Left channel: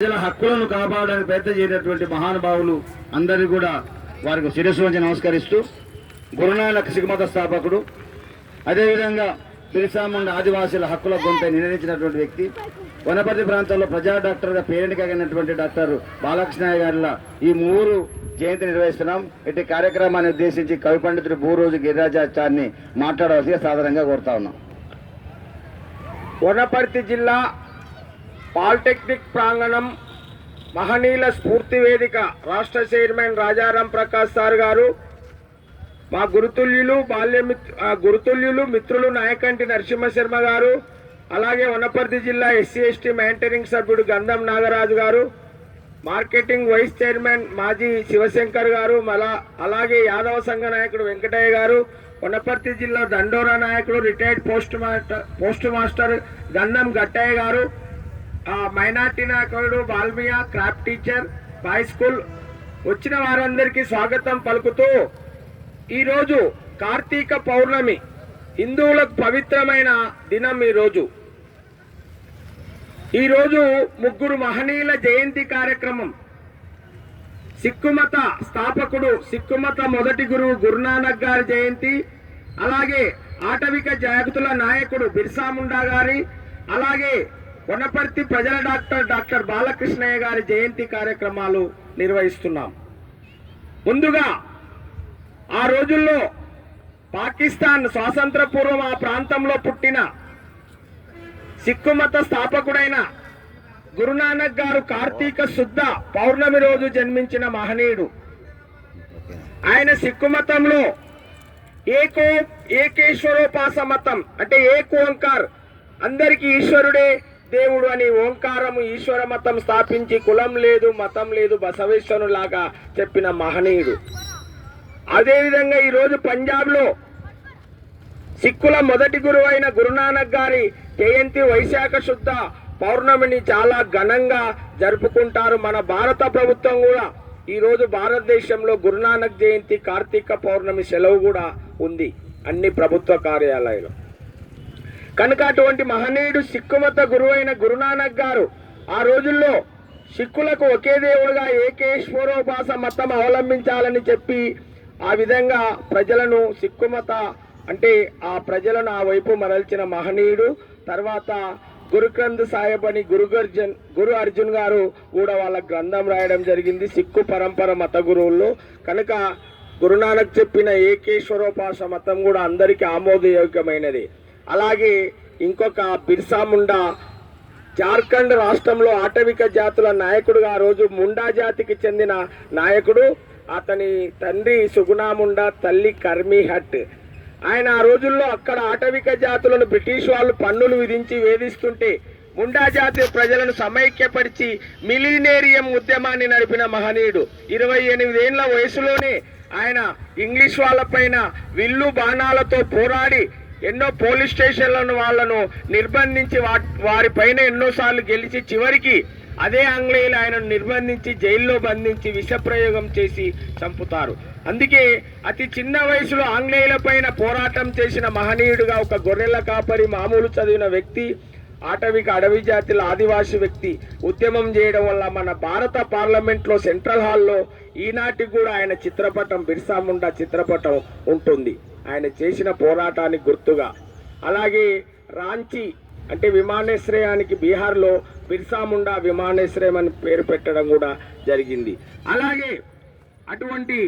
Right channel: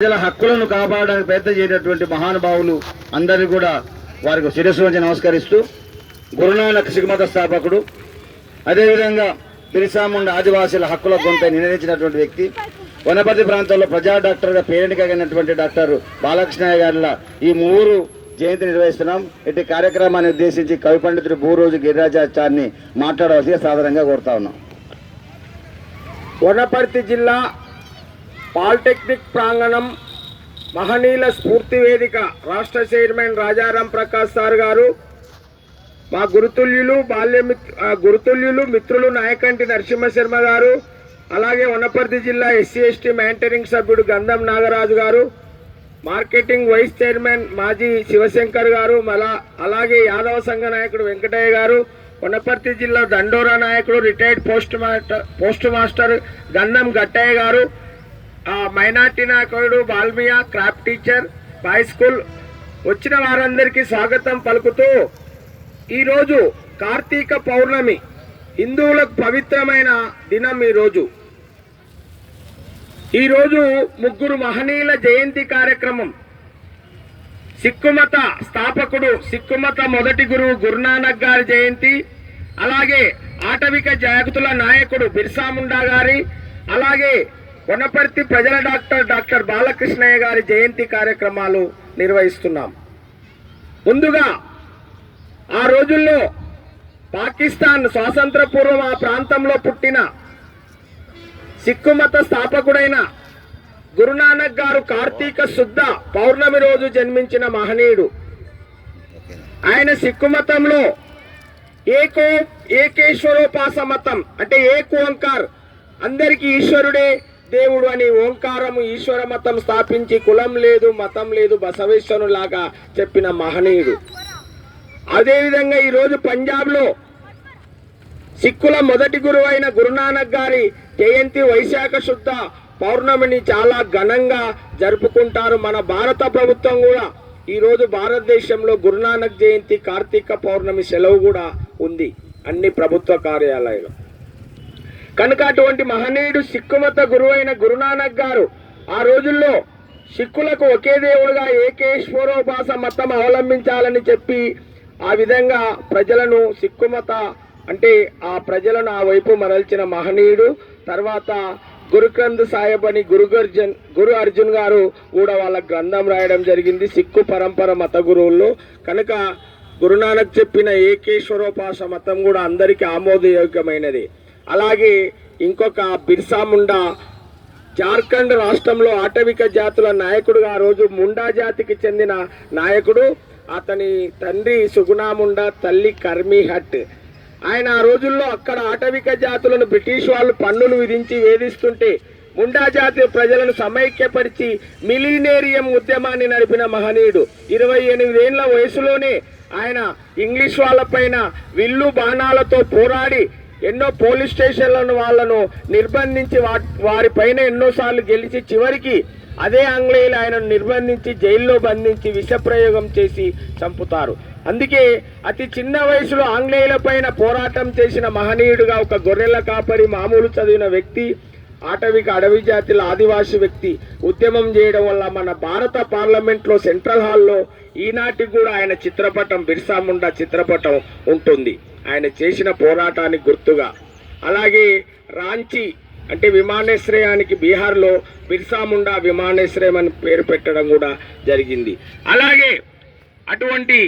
ప్రజల హక్కులను కాపాడడానికి ప్రయత్నం చేసినటువంటి మహానుభావులు అందరినీ కూడా వారికి శిరస్సు నుంచి నమస్కరిస్తూ గురునానక్ సిగ్మత స్థాపకుడు అదేవిధంగా బిరిసాముండ ఆదివాసీల హక్కుల గొంత నిర్ణయించినటువంటి వ్యక్తి వనపర్తి ప్రాంతంలో ప్రజా డాక్టర్గా పేరెంట్గా డాక్టర్ బాలకృష్ణయ్య గారిల ఈ మూడు జయంతి నిర్వహిస్తున్నాం. ఇటు కార్యక్రమాన్ని ఉద్దేశించి కవి పండితుడు భూరోజు గిరిరాజాచార్ని మాట్లాడవలసి సాధారణంగా కోరుతా ఉన్నాం. వనపర్తి జిల్లా పాలిటెక్నిక్ ప్రాంగణం మహనీయుల స్ఫూర్తి వేదిక రాష్ట్ర చైర్మన్ రాజారాం ప్రకాష్ సార్ గారు మా గురుతుల్యులు బాల్య గురుతుల్యులు మిత్రులు నాయకంటి నరసింహశర్మ గారు అలాగే వనపర్తి జిల్లా ఎస్సీ ఎస్టీ మెయింటైనింగ్ సభ్యుడు గంధం నాగరాజు గారు మార్కెటింగ్ వైస్ చైర్మన్ మాజీ శివశంకర్ గారు మళ్ళా అలాగే యాదవ సంఘ నాయకుడు వెంకటయ్య గారు వనపర్తి జిల్లా దండోరా నాయకుడు retired post master post master Gandham Gattaiah గారు మైనార్టీ నాయకుడు Balmiya craft teacher boy school. వచ్చిన వారందరికీ స్వాగతం పలుకుతూ ఈరోజు కార్తీక పౌర్ణమి హిందువులకు పవిత్రమైన దినం ఈరోజు. ఈరోజు ముగ్గురు మహనీయుల జయంతి కార్యక్రమం. సిక్కుమత స్థాపకుడు సిక్కుమత మొదటి గురువు గురునానక్ గారి జయంతి అలాగే ఆటవిక జాగతుల నాయకుడు బిర్సా ముండా గారి అలాగే వనపర్తి ప్రజల డాక్టర్ డాక్టర్ బాలకృష్ణయ్య గారి జయంతి కార్యక్రమాలు నిర్వహిస్తున్నాం. ముందుగా ఆ రోజుల్లో పాకిస్తాన్ స్వాతంత్ర పూర్వం ఆ ప్రాంతంలో పుట్టిన సిక్కు మత స్థాపకుడైన గురునానక్ గారు కార్తీక శుద్ధ పౌర్ణమి రోజు జన్మించిన మహనీయుడు. ఆయన సిక్కు మతంలో ఏకో ఏకేశ్వరోపాస మతం అంటే ఏకు ఓంకార్ అందరికీ ఈశ్వరుడే. దేవుడు అని ఓంకారము ఈశ్వర మతం స్థాపించి కులం లేదు మతం లేదు బసవేశ్వరులాగా చెప్పిన మహనీయుడు. అదేవిధంగా ఈరోజు పంజాబ్లో సిక్కుల మొదటి గురువు అయిన గురునానక్ గారి జయంతి వైశాఖ శుద్ధ పౌర్ణమిని చాలా ఘనంగా జరుపుకుంటారు. మన భారత ప్రభుత్వం కూడా ఈరోజు భారతదేశంలో గురునానక్ జయంతి కార్తీక పౌర్ణమి సెలవు కూడా ఉంది. అన్ని ప్రభుత్వ కార్యాలయాలు. కనుక అటువంటి మహనీయుడు సిక్కుమత గురువైన గురునానక్ గారు ఆ రోజుల్లో సిక్కులకు ఒకే దేవుడుగా ఏకేశ్వరోపాస మతం అవలంబించాలని చెప్పి ఆ విధంగా ప్రజలను సిక్కుమత అంటే ఆ ప్రజలను ఆ వైపు మరల్చిన మహనీయుడు తర్వాత గురుకంద్ సాహెబ్ అని గురు అర్జున్ గురు అర్జున్ గారు కూడా వాళ్ళ గ్రంథం రాయడం జరిగింది సిక్కు పరంపర మత గురువుల్లో కనుక గురునానక్ చెప్పిన ఏకేశ్వరోపాస మతం కూడా అందరికీ ఆమోదయోగ్యమైనది. అలాగే ఇంకొక బిర్సా ముండా. జార్ఖండ్ రాష్ట్రంలో ఆటవిక జాతుల నాయకుడుగా ఆ రోజు ముండా జాతికి చెందిన నాయకుడు అతని తండ్రి సుగుణా ముండా తల్లి కర్మీ హట్. ఆయన ఆ రోజుల్లో అక్కడ ఆటవిక జాతులను బ్రిటిష్ వాళ్ళు పన్నులు విధించి వేధిస్తుంటే ముండా జాతి ప్రజలను సమైక్యపరిచి మిలీనేరియం ఉద్యమాన్ని నడిపిన మహనీయుడు. ఇరవై ఎనిమిదేళ్ళ వయసులోనే ఆయన ఇంగ్లీష్ వాళ్ళపైన విల్లు బాణాలతో పోరాడి ఎన్నో పోలీస్ స్టేషన్లను వాళ్ళను నిర్బంధించి వారి పైన ఎన్నోసార్లు గెలిచి చివరికి అదే ఆంగ్లేయులు ఆయనను నిర్బంధించి జైల్లో బంధించి విషప్రయోగం చేసి చంపుతారు. అందుకే అతి చిన్న వయసులో ఆంగ్లేయుల పైన పోరాటం చేసిన మహనీయుడుగా ఒక గొర్రెల కాపరి మామూలు చదివిన వ్యక్తి ఆటవిక అడవి జాతుల ఆదివాసి వ్యక్తి ఉద్యమం చేయడం వల్ల మన భారత పార్లమెంట్లో సెంట్రల్ హాల్లో ఈనాటికి కూడా ఆయన చిత్రపటం బిర్సా ముండా చిత్రపటం ఉంటుంది. ఆయన చేసిన పోరాటానికి గుర్తుగా. అలాగే రాంచీ అంటే విమానాశ్రయానికి బీహార్లో బిర్సా ముండా విమానాశ్రయం అని పేరు పెట్టడం కూడా జరిగింది. అలాగే అటువంటి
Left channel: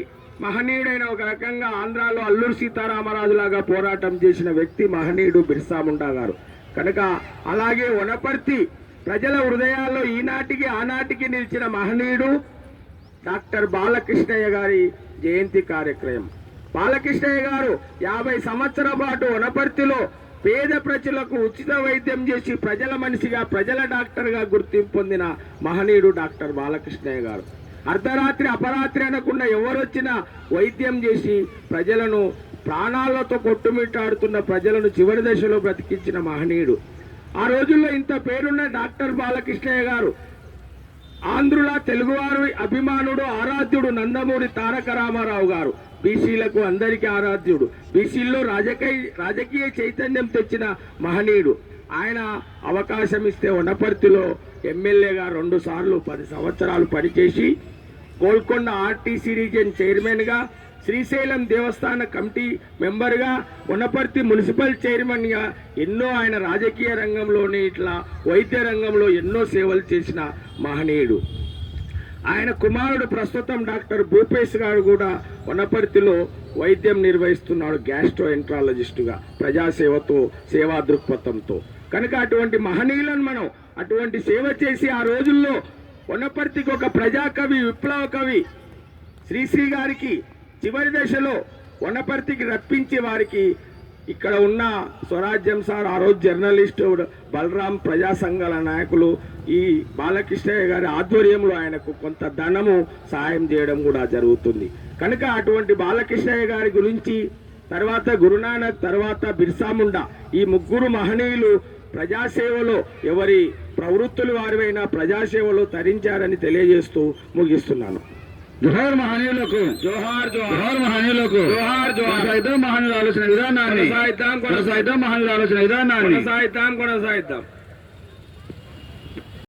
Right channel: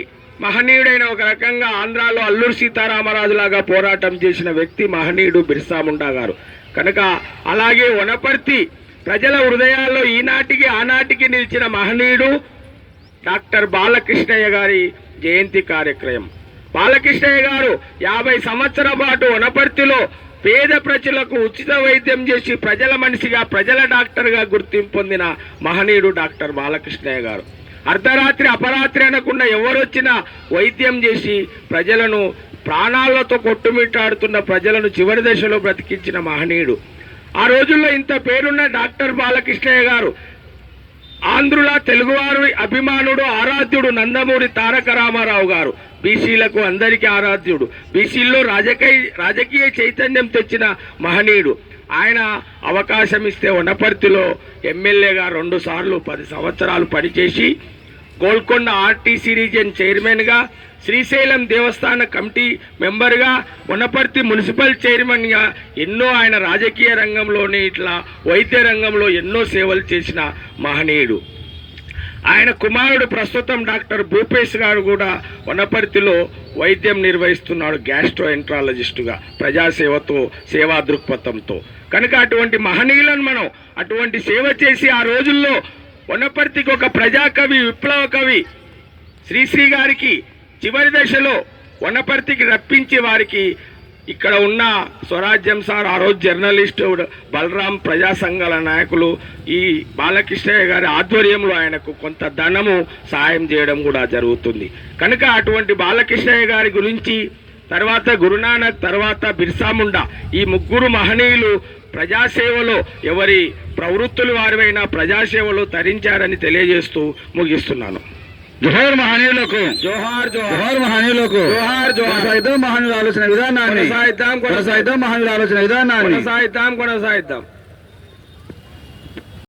మహనీయుడైన ఒక రకంగా ఆంధ్రాలో అల్లూరు సీతారామరాజు లాగా పోరాటం చేసిన వ్యక్తి మహనీయుడు బిర్సా ముండా గారు. కనుక అలాగే వనపర్తి ప్రజల హృదయాల్లో ఈనాటికి ఆనాటికి నిలిచిన మహనీయుడు డాక్టర్ బాలకృష్ణయ్య గారి జయంతి కార్యక్రమం బాలకృష్ణయ్య గారు యాభై సంవత్సరాల పాటు వనపర్తిలో పేద ప్రజలకు ఉచిత వైద్యం చేసి ప్రజల మనిషిగా ప్రజల డాక్టర్గా గుర్తింపు పొందిన మహనీయుడు డాక్టర్ బాలకృష్ణయ్య గారు. అర్ధరాత్రి అపరాత్రి అనకుండా ఎవరొచ్చినా వైద్యం చేసి ప్రజలను ప్రాణాలతో కొట్టుమిట్టాడుతున్న ప్రజలను చివరి దశలో బ్రతికించిన మహనీయుడు. ఆ రోజుల్లో ఇంత పేరున్న డాక్టర్ బాలకృష్ణయ్య గారు ఆంధ్రుల తెలుగువారి అభిమానుడు ఆరాధ్యుడు నందమూరి తారక రామారావు గారు. బీసీలకు అందరికీ ఆరాధ్యుడు. బీసీల్లో రాజకీయ రాజకీయ చైతన్యం తెచ్చిన మహనీయుడు. ఆయన అవకాశం ఇస్తే వనపర్తిలో ఎమ్మెల్యేగా రెండు సార్లు పది సంవత్సరాలు పనిచేసి గోల్కొండ ఆర్టీసీ రీజియన్ చైర్మన్గా శ్రీశైలం దేవస్థాన కమిటీ మెంబర్గా వనపర్తి మున్సిపల్ చైర్మన్గా ఎన్నో ఆయన రాజకీయ రంగంలోనే ఇట్లా వైద్య రంగంలో ఎన్నో సేవలు చేసిన మహనీయుడు. ఆయన కుమారుడు ప్రస్తుతం డాక్టర్ భూపేష్ గారు కూడా వనపర్తిలో వైద్యం నిర్వహిస్తున్నాడు గ్యాస్ట్రో ఎంట్రాలజిస్టుగా ప్రజాసేవతో సేవా దృక్పథంతో కనుక అటువంటి మహనీయులను మనం అటువంటి సేవ చేసి ఆ రోజుల్లో వనపర్తికి ఒక ప్రజాకవి విప్లవ కవి శ్రీశ్రీ గారికి చివరి దశలో వనపర్తికి రప్పించి వారికి ఇక్కడ ఉన్న స్వరాజ్యం సార్ ఆ రోజు జర్నలిస్టు బలరాం ప్రజా సంఘాల నాయకులు ఈ బాలకృష్ణయ్య గారి ఆధ్వర్యంలో ఆయనకు కొంత ధనము సాయం చేయడం కూడా జరుగుతుంది. కనుక అటువంటి బాలకృష్ణయ్య గారి గురించి తర్వాత గురునానక్ తర్వాత బిర్సాముండ ఈ ముగ్గురు మహనీయులు ప్రజాసేవలో ఎవరి ప్రవృత్తులు వారివైనా ప్రజాసేవలో తరించారని తెలియజేస్తూ ముగిస్తున్నాను. జోహార్ మహనీయులకు. జోహార్ జోహార్. మహనీయులకు. జోహార్ జోహార్. కొనసాగిద్దాం మహనీయుల ఆలోచన విధానాన్ని. కొనసాగిద్దాం. కొనసాగిద్దాం మహనీయుల ఆలోచన విధానాన్ని. కొనసాగిద్దాం కొనసాగిద్దాం.